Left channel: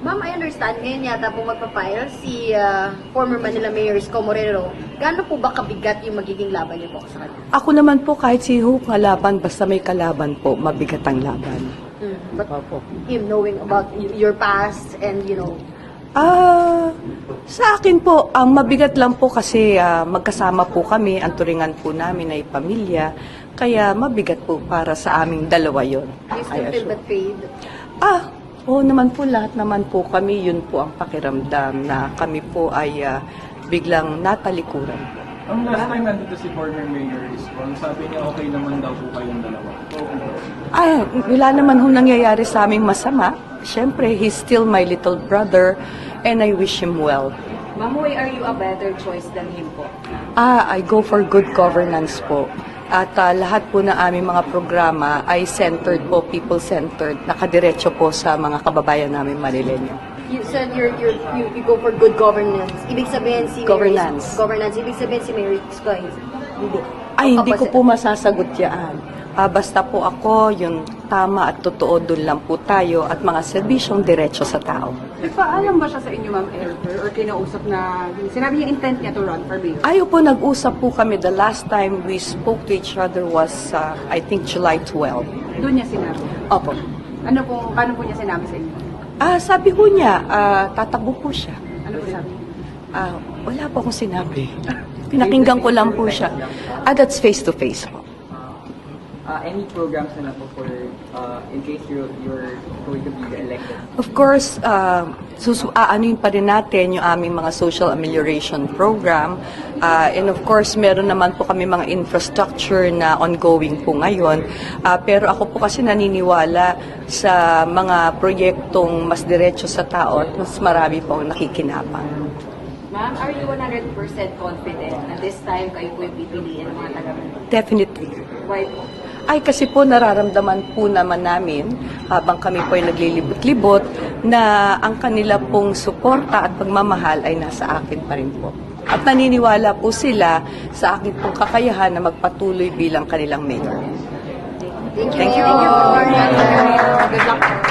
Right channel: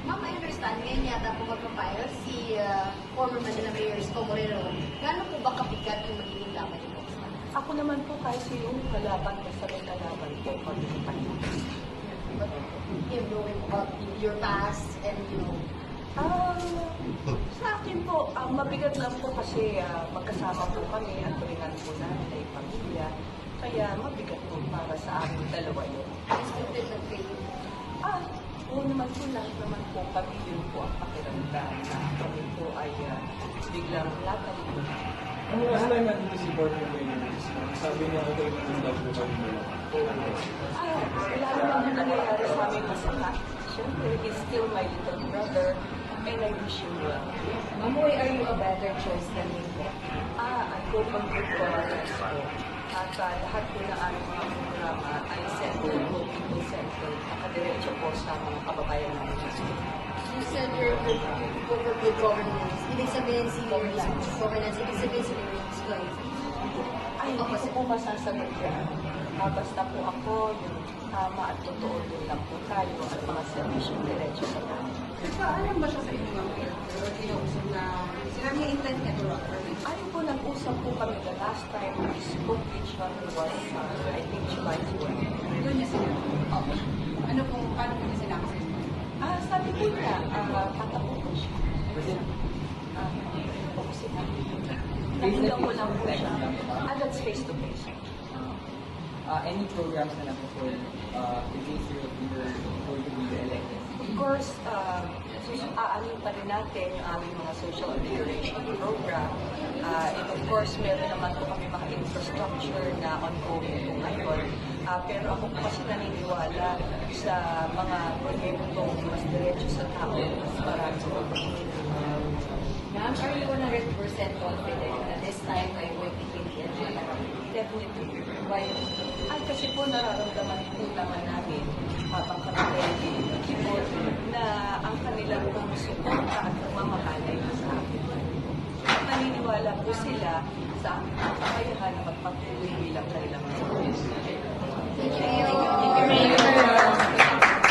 Ma'am, I understand ngayon yata po magpa-file si former Manila Mayor Isko Moreno. Gaano po ba kabigat yung magiging laban niyo po sa kanya? Ako naman po kahit sino kalaban, basta may kalaban po, mabigat ang laban. But him knowing about your past and Sa akin po, ang mabigat lang po kasi magkasama po kami, ang turingan po namin ay pamilya, kaya mabigat po para sa aming dalawa yon. you still feel betrayed? Oo naman po, lahat naman po kami, yun po ang pakiramdam na kami po ay biglang natalikuran. Ang last time nandito si former Mayor Isko, sabi niya okay naman daw po kayong dalawa. Wala naman ho nangyayari sa aming masama. Siyempre, he's still my little brother and I wish him well. Mamoy, are you a better choice than him po? I go for good governance po. At lahat po ng aming mga programa ay centered po, people-centered, nakadiretso po sa mga kababayan namin Manileño. You said you go for good governance. Ibig sabihin si Governance. Governance. Ibig sabihin si Mayor Isko ay hindi. Hindi ko po masasagot yan. Basta po ako, yung tama at totoo, doon lang po tayo at mga serbisyong diretso sa tao. Paalam ba siya sa inyo, Ma'am Elder? Or kinausap na, sinabi niya intent niya to run for mayor? Ayaw po, nag-usap po kami. The last time we spoke to each other was, I think, July 12. Doon niya sinabi. Opo. Paano po niya sinabi sa inyo? Sabi po niya, tatakbo po siya. Ano po sabi? Wala po akong sinabi. Pinakinggan ko lang po siya. That's face-to-face po. Any programs na po for in case you're going to be elected? Of course, aanuin pa rin natin yung aming mga social amelioration program. And of course, meron naman po kami mga infrastructure na ongoing po ngayon. Pero ako po kasi naniniwala sa mga proyektong mas diretso sa tao at mas marami po ang nakikinabang. Ma'am, are you 100% confident na this time kayo po yung pipiliin ng mga taga-Manila? Definitely. Why? Kasi po nararamdaman po naman namin habang kami po ay naglilibot-libot na ang kanila pong suporta at pagmamahal ay nasa akin pa rin po. At naniniwala po sila sa akin pong kakayahan na magpatuloy bilang kanilang mayor. Thank you. Good luck.